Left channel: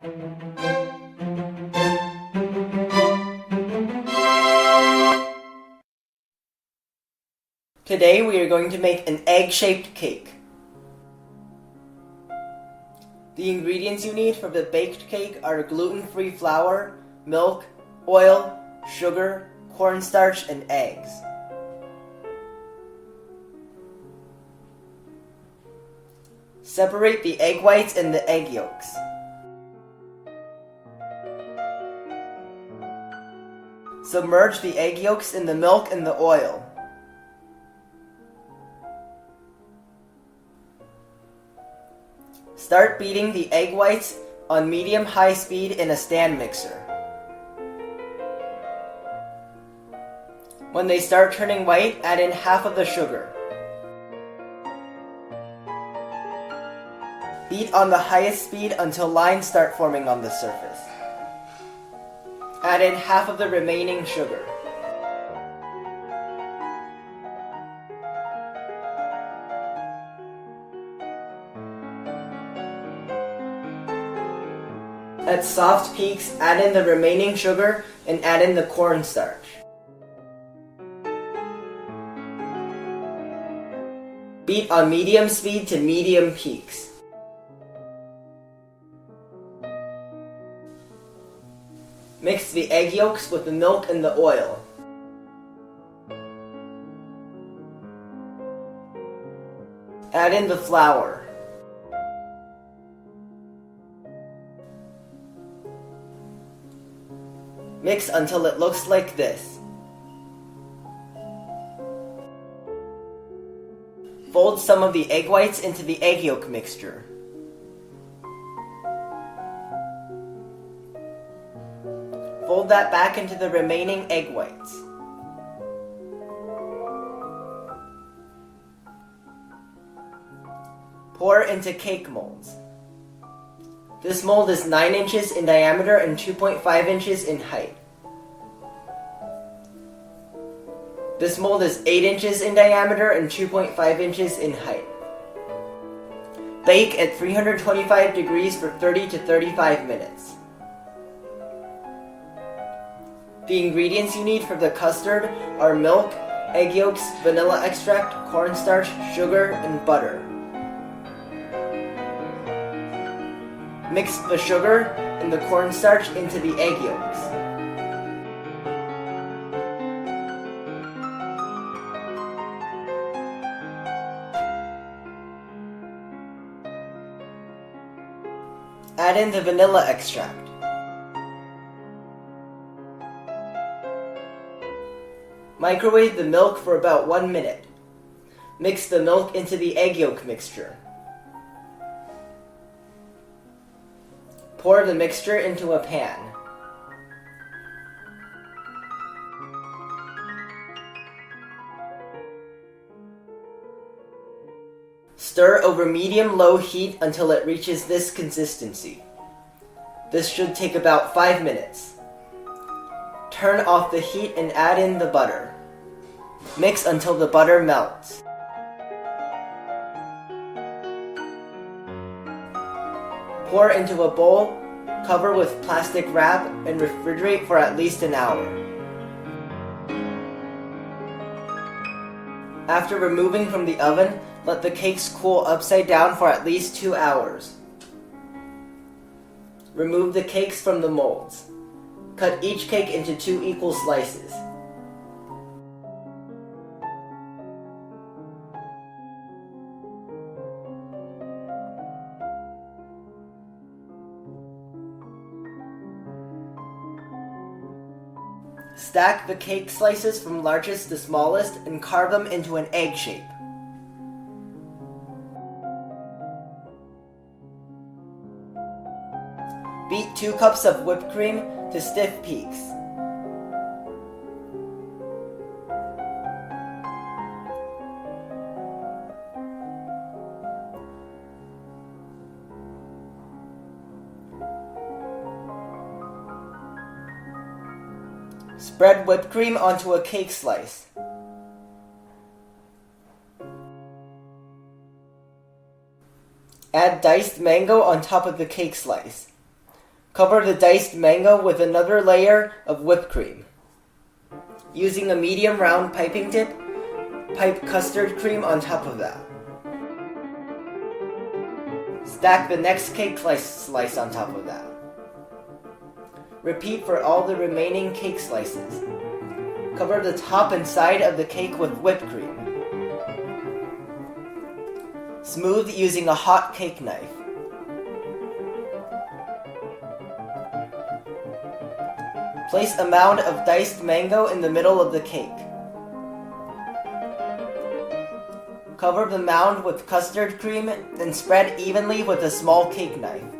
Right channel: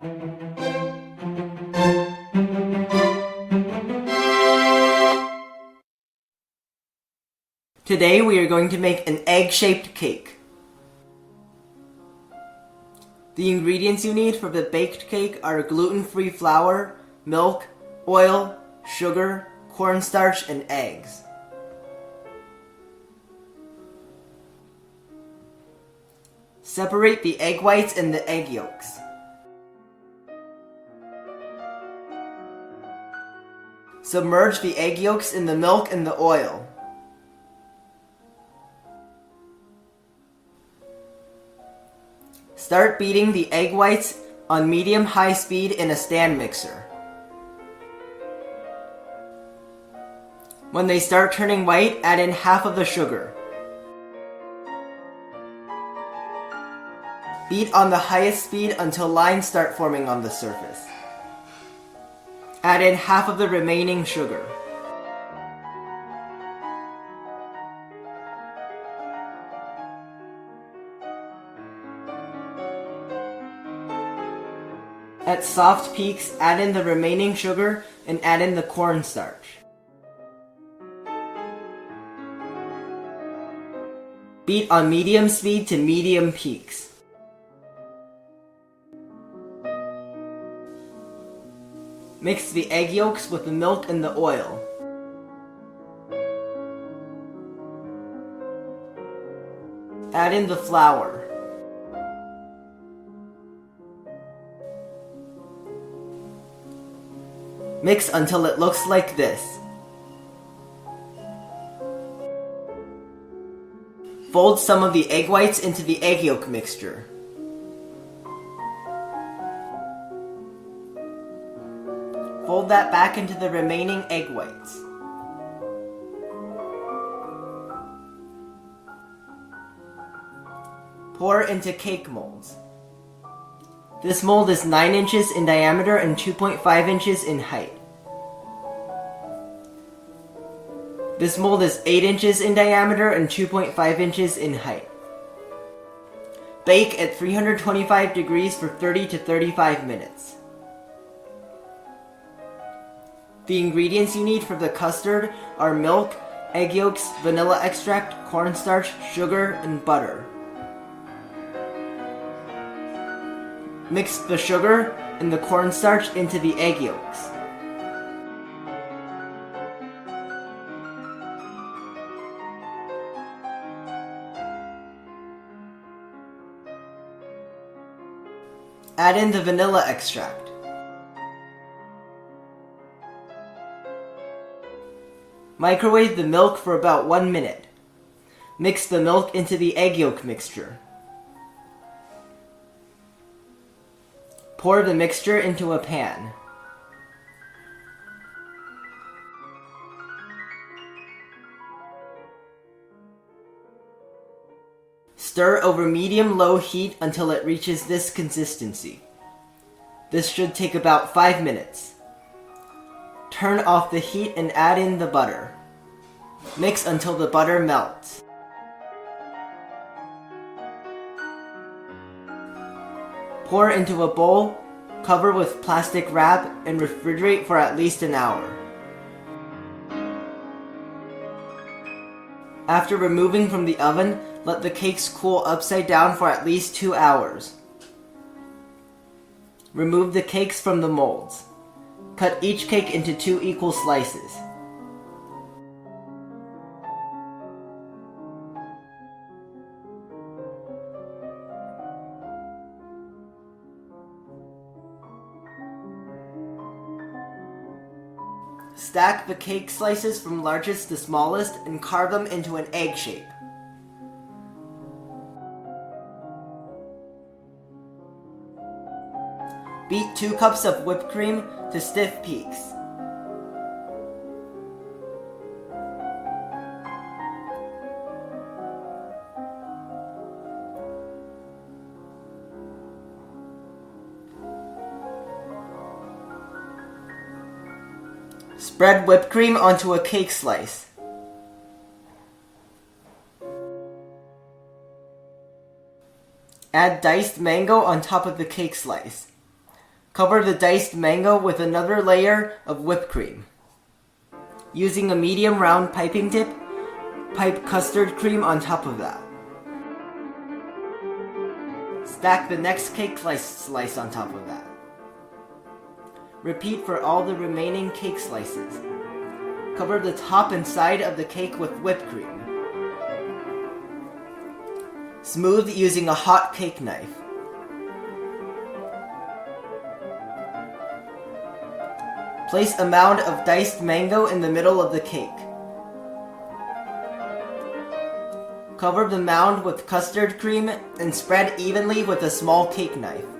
Today we are going to make an egg-shaped cake. The ingredients you need for the baked cake are gluten-free flour, milk, oil, sugar, cornstarch, and eggs. Separate the egg whites and the egg yolks. Submerge the egg yolks in the milk and the oil. Start beating the egg whites on medium-high speed in a stand mixer. When they start turning white, add in half of the sugar. Beat on the highest speed until lines start forming on the surface. Add in half of the remaining sugar. At soft peaks, add in the remaining sugar and add in the cornstarch. Beat on medium speed to medium peaks. Mix the egg yolks with the milk and the oil. Add in the flour. Mix until it looks like this. Fold some of the egg whites into the egg yolk mixture. Fold that back into the remaining egg whites. Pour into cake molds. This mold is 9 inches in diameter and 2.5 inches in height. This mold is 8 inches in diameter and 2.5 inches in height. Bake at 325 degrees for 30 to 35 minutes. The ingredients you need for the custard are milk, egg yolks, vanilla extract, cornstarch, sugar, and butter. Mix the sugar and the cornstarch into the egg yolks. Add in the vanilla extract. Microwave the milk for about 1 minute. Mix the milk into the egg yolk mixture. Pour the mixture into a pan. Stir over medium-low heat until it reaches this consistency. This should take about 5 minutes. Turn off the heat and add in the butter. Mix until the butter melts. Pour into a bowl, cover with plastic wrap, and refrigerate for at least an hour. After removing from the oven, let the cakes cool upside down for at least 2 hours. Remove the cakes from the molds. Cut each cake into 2 equal slices. Stack the cake slices from largest to smallest and carve them into an egg shape. Beat 2 cups of whipped cream to stiff peaks. Spread whipped cream onto a cake slice. Add diced mango on top of the cake slice. Cover the diced mango with another layer of whipped cream. Using a medium round piping tip, pipe custard cream on top of that. Stack the next cake slice on top of that. Repeat for all the remaining cake slices. Cover the top and side of the cake with whipped cream. Smooth using a hot cake knife. Place a mound of diced mango in the middle of the cake. Cover the mound with custard cream and spread evenly with a small cake knife.